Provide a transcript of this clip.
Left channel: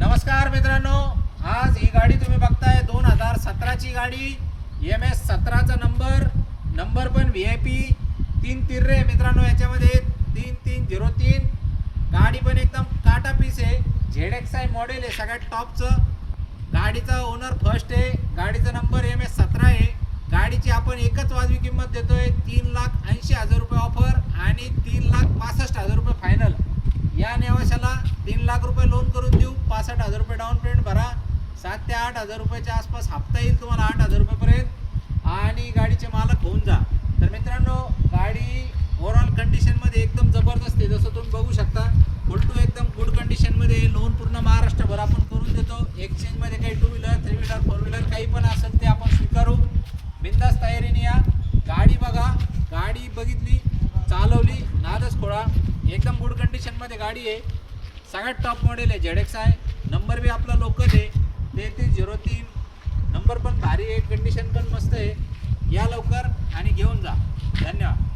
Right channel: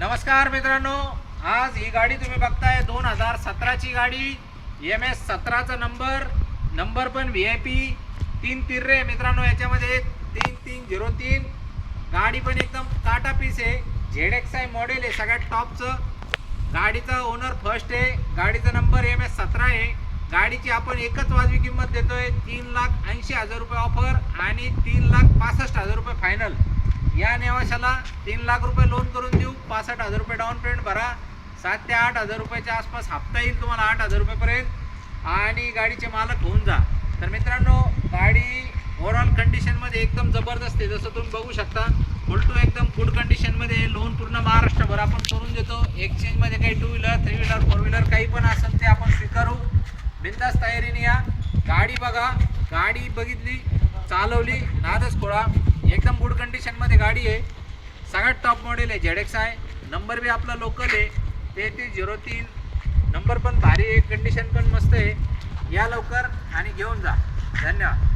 नमस्कार मित्रांनो, आज ही गाडी तुम्ही बघताय 2017 ची गाडी MS 17चा नंबर पण VIP 3 तिर्रे मित्रांनो। याच्यामध्ये 3303 गाडी पण एकदम काटा पीस आहे। ZXi मॉडेल आहे, सगळ्यात टॉपचं। गाडीचा ओनर फर्स्ट आहे, गाडीचा नंबर MS 17 आहे। गाडीची आपण एकच वाजवी किंमत देतोय 3,80,000 रुपये ऑफर आणि 3,65,000 रुपये फायनल। या नेवाशाला 3 लाख रुपये लोन करून देऊ, 65,000 रुपये डाऊन पेमेंट भरा, 7 ते 8,000 रुपयाच्या आसपास हप्ता येईल तुम्हाला 8,000 रुपयेपर्यंत आणि गाडीचे मालक होऊन जा। तर मित्रांनो, गाडी ओव्हरऑल कंडिशनमध्ये एकदम जबरदस्त आहे। जसं तुम्ही बघू शकता, फुल टू एकदम गुड कंडिशनमध्ये। लोन पूर्ण महाराष्ट्रभर आपण करून देतो। एक्सचेंजमध्ये काही 2 व्हीलर 3 व्हीलर 4 व्हीलर काही पण असेल ते आपण स्वीकारू। बिंदास तयारीने या। गाडी बघा, गाडी बघितली, चालवली, नादच खोळा, एकदम गुड कंडिशनमध्ये गाडी आहे। सगळ्यात टॉप मॉडेल आहे। ZXi नंबर बी आपला लोकल आहे 3303, नंबर पण भारी आहे, कंडिशन पण मस्त आहे। या लवकर आणि घेऊन जा। धन्यवाद।